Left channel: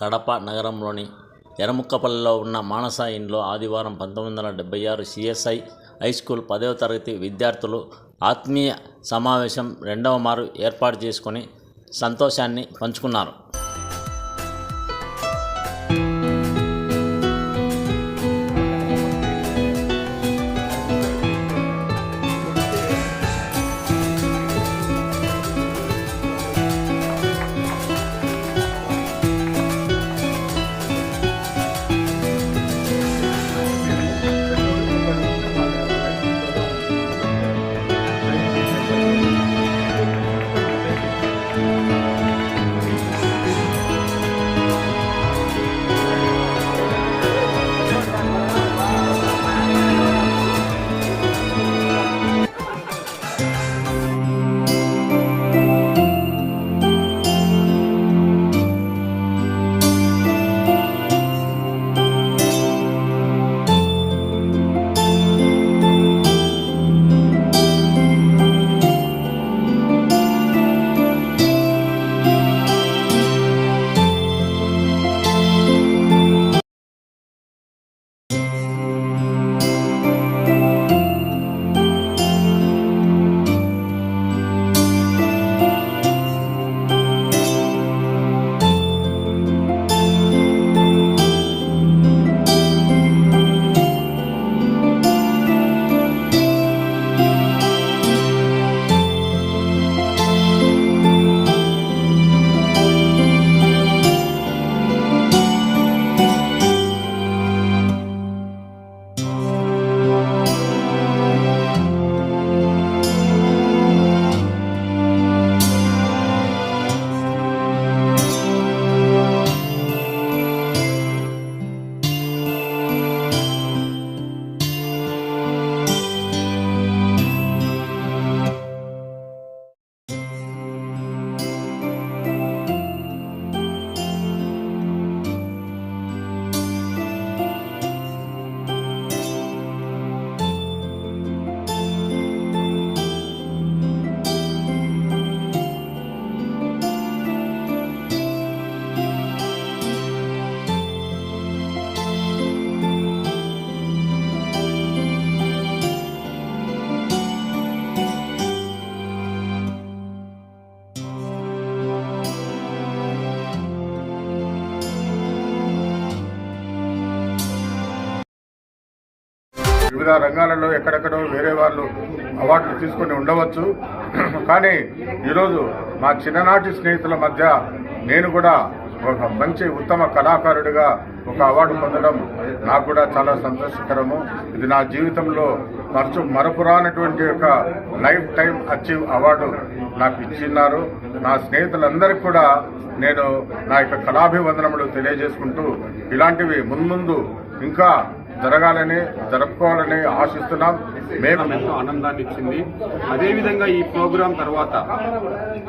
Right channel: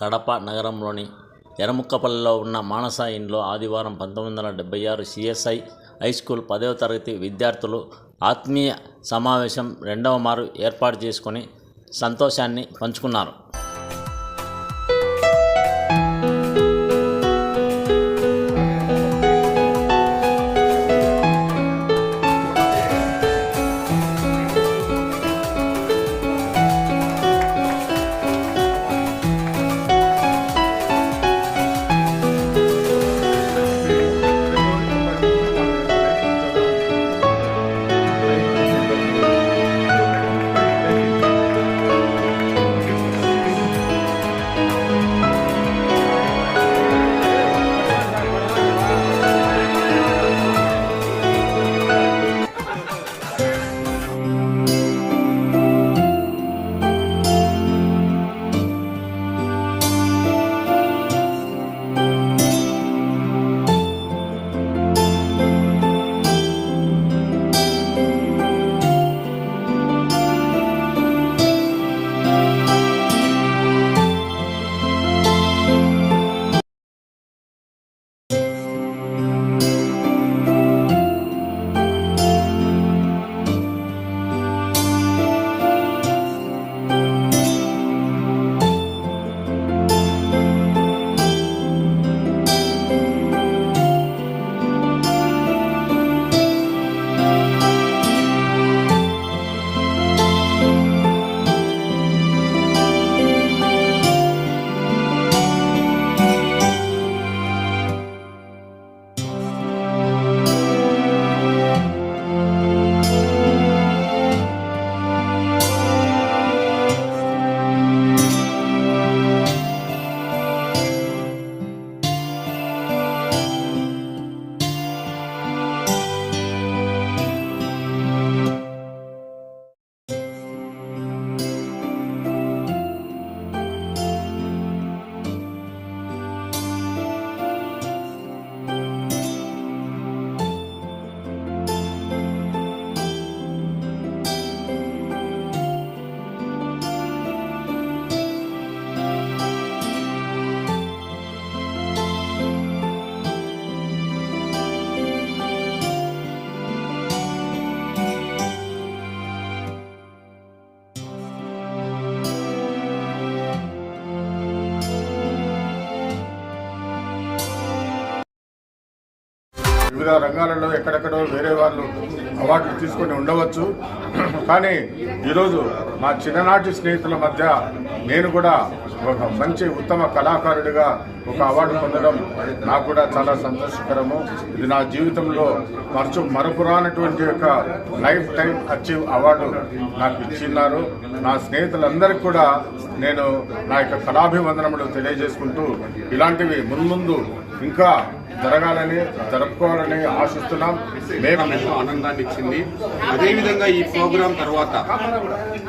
కడప నగరంలోని ఎర్రముక్కపల్లిలో ఉన్న మానస ఇన్లో ఆదివారం పంతొమ్మిది వందల డెబ్బై ఆరు సిఎస్ఐ హై స్కూల్ పదవ తరగతి విద్యార్థులు ఆత్మీయ సమావేశం రెండవ మారు ఏర్పాటు చేసుకొని సంతోషాన్ని పంచుకున్నారు. వివిధ రంగాలలో ఎక్కడెక్కడో వేరే వాళ్ళు అవార్డులు తీసుకొని ఉండవచ్చు. కానీ ఈరోజు మా చిన్ననాటి స్నేహితుల మధ్య నేను కూడా ఒక మంచి ఉత్తమ కళాకారుడిగా ఒక అవార్డు పొందడం నాకు కూడా చాలా సంతోషకరము. ఇది నా జీవితంలో మరచు మరపురానటువంటి ఒక లైఫ్ టైం అచీవ్ అవార్డు నాకు ఇచ్చిన్నారు. నా స్నేహితులందరికీ కూడా నేను నా యొక్క కళాభివందనములు తెలియజేసుకుంటూ ఇలాంటివి ముందు ఇంకా జరగాలని జరుపుకోవాలని ఆశిస్తున్నాం. మేము ఎంతో ఆనందాన్ని ఇచ్చింది. అదేవిధంగా ఈ ప్రోగ్రాం తర్వాత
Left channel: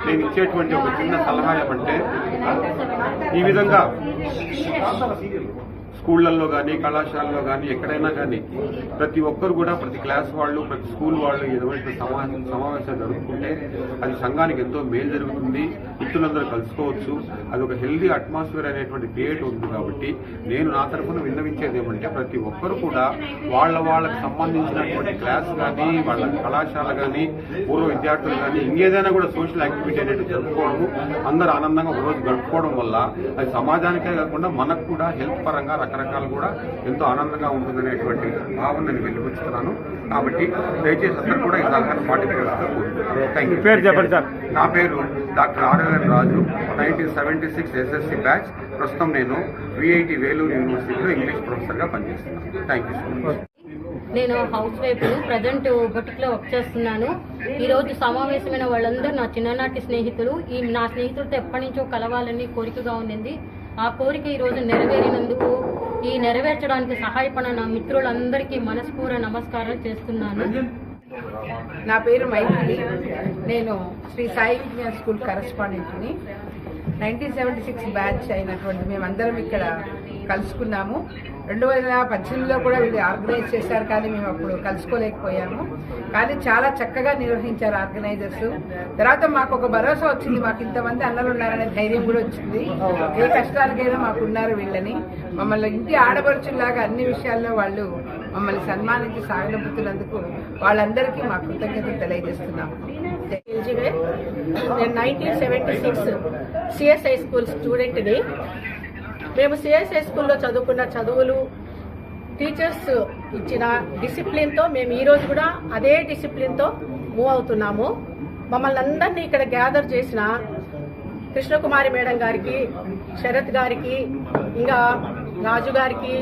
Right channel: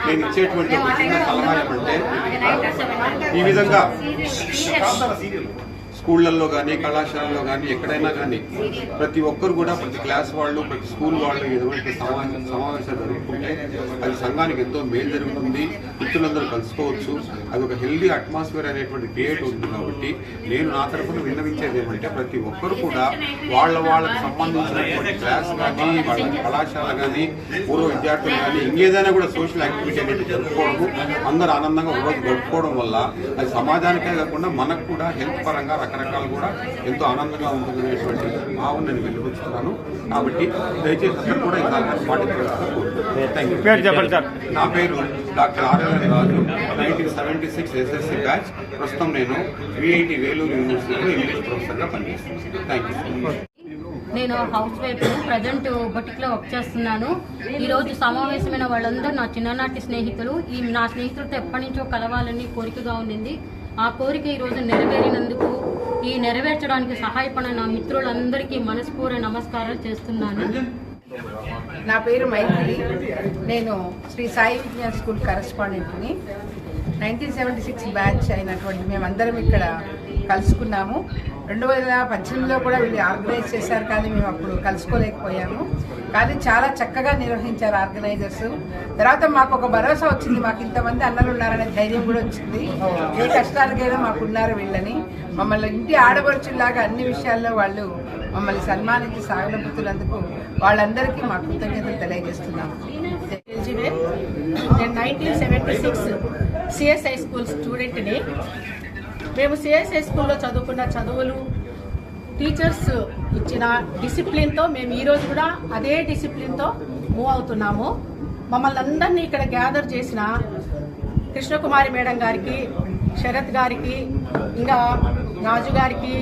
నేను ఇచ్చేటువంటి ఒక చిన్న సలహా ఏమంటే ఈ విధంగా స్కూళ్ళల్లో కానీ కళాశాలలో కానీ ఎక్కడైనా కానీ ప్రతి ఒక్కరు కూడా ప్రతి క్లాస్ వాళ్ళు ప్రతి స్కూల్ వాళ్ళు ఎటువంటి సమావేశం సమావేశాలు జరుపుకుంటే అది సంఘానికి ఎంతో మేలు జరుగుతుంది. మిత్రులందరూ కలుసుకోవచ్చు. అది ఒక హెల్దీ అట్మాస్ఫియర్ అనేటువంటి క్రియేట్ ఉంది కాబట్టి నేను నా తరఫున విన్నవించేది ఏమంటే ప్రతి ఒక్కరు కూడా వాళ్ళ వాళ్ళకి సంబంధించినటువంటి క్లాస్ కానీ వాళ్ళ కళాశాల కానీ పూర్వ విద్యార్థులు కానీ ఇంకేదైనా కూడా సోషల్ యాక్టివిటీ అనేది జరుపుకోవడం అందరూ ఆనందంగా ఒకరోజు గడుపుకోవడం వల్ల అది సమాజానికే కాకుండా మనకు కూడా హెల్త్ పరంగా రకరకాలు కూడా ఎంతో ఆనందంగా ఉంటుందనేటువంటి భావన నేను వెళ్ళిపుచ్చుతున్నాను కాబట్టి దయచేసి అందరూ కూడా ఈ సలహాను పాటించగలుగుతారు థ్యాంక్ యూ నా పేరు doctor RLN Raju nineteen seventy six SSC batch. ప్రస్తుతం నేను విఐటి వేలూరు యూనివర్సిటీలో ఇంగ్లీష్ ప్రొఫెసర్గా పనిచేస్తున్నాను. థ్యాంక్ యూ నేను హౌస్ వైఫ్ ప్రజెంట్ బొటిక్లో వర్క్ చేస్తున్నాను. ఈరోజు సమావేశమైన వాళ్ళందరూ నా చిన్ననాటి స్నేహితులు. ఈ నా స్నేహితులతో ఎప్పటి నుంచో కలవాలని కోరికగా ఉండింది. ఆ కోరిక ఈరోజు నెరవేరినందుకు ఈ నెరవేర్చడానికి సహాయపడిన నా మిత్రులందరికీ మనస్పూర్వ నమస్కారాలు చేస్తున్నాను. నా పేరు మైత్రి నేను శ్రీ సాయి విజ్ఞాన్ స్కూల్ కరస్పాండెంట్ని. నైన్టీన్ సెవెంటీ సిక్స్ బ్యాచ్ అయినటువంటి మేమందరం ఇక్కడ కలుసుకున్నాము. రెండు వేల పద్దెనిమిదిలో కూడా వీళ్ళు ఆర్గనైజ్ చేశారు కానీ మేము అప్పుడు కలుసుకోలేకపోయాము. కానీ చాలా చక్కగా నిర్వహించారు ఆర్గనైజర్స్. తర్వాత మాకు ఒక భరోసా వచ్చింది. మాకు ఇంతమంది అన్నలు ఉన్నారనే ధైర్యం కూడా వచ్చింది. ఏ కష్టాలకైనా మాకు ఉన్నారు వీళ్ళని. మమ్మల్ని ఇంటి ఆడపడుచులాగా అన్ని విషయాల్లో వాళ్ళు మమ్మల్ని సన్మానించి సాగనంపుతున్నందుకు వాళ్ళందరికీ మా కృతజ్ఞతలు తెలియజేస్తున్నాము. నేను nineteen seventy six CSI school స్టూడెంట్ని. మేము సిఎస్ఐ స్కూల్లో చదువుకున్న చదువులు టీచర్స్ ఇచ్చిన డిసిప్లిన్తో మేము ఈరోజు కూడా అదే డిసిప్లిన్తో మూవ్ అవుతున్నాము. మమ్మల్ని అందరినీ ఇక్కడ గ్యాదర్ చేసిన కృష్ణకుమారి మేడం గారికి శరత్ గారికి ఇంకా రాజు గారికి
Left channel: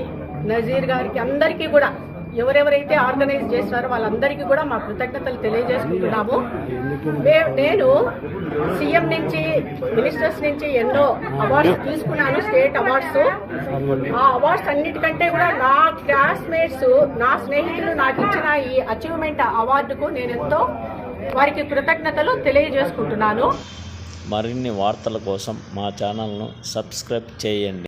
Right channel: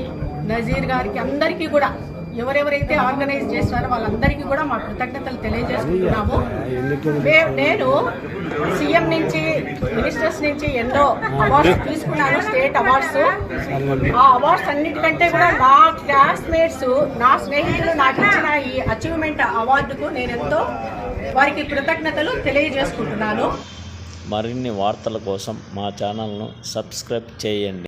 నజీర్ గారికి అందరికీ కూడా ఎవరెవరైతే ఆర్గనైజ్ చేస్తారో వాళ్ళందరికీ కూడా మా కృతజ్ఞతలు తెలియజేసుకుంటున్నాము. మే- నేను సీఎం నుంచి మినిస్టర్స్ నుంచి ఎన్నో అవార్డ్స్ తీసుకున్నాను స్టేట్ అవార్డ్స్. ఆ అవార్డ్స్ అన్నిటికంటే కూడా నా క్లాస్మేట్స్ నా స్నేహితులు నాకు ఇచ్చిన ఈ అచీవ్మెంట్ అవార్డుకు నేను ఎంతో వారికి కృతజ్ఞతలు తెలియజేసుకుంటున్నాను. మరిన్ని వార్తల కోసం మా ఛానల్ను సబ్స్క్రైబ్ చేయండి.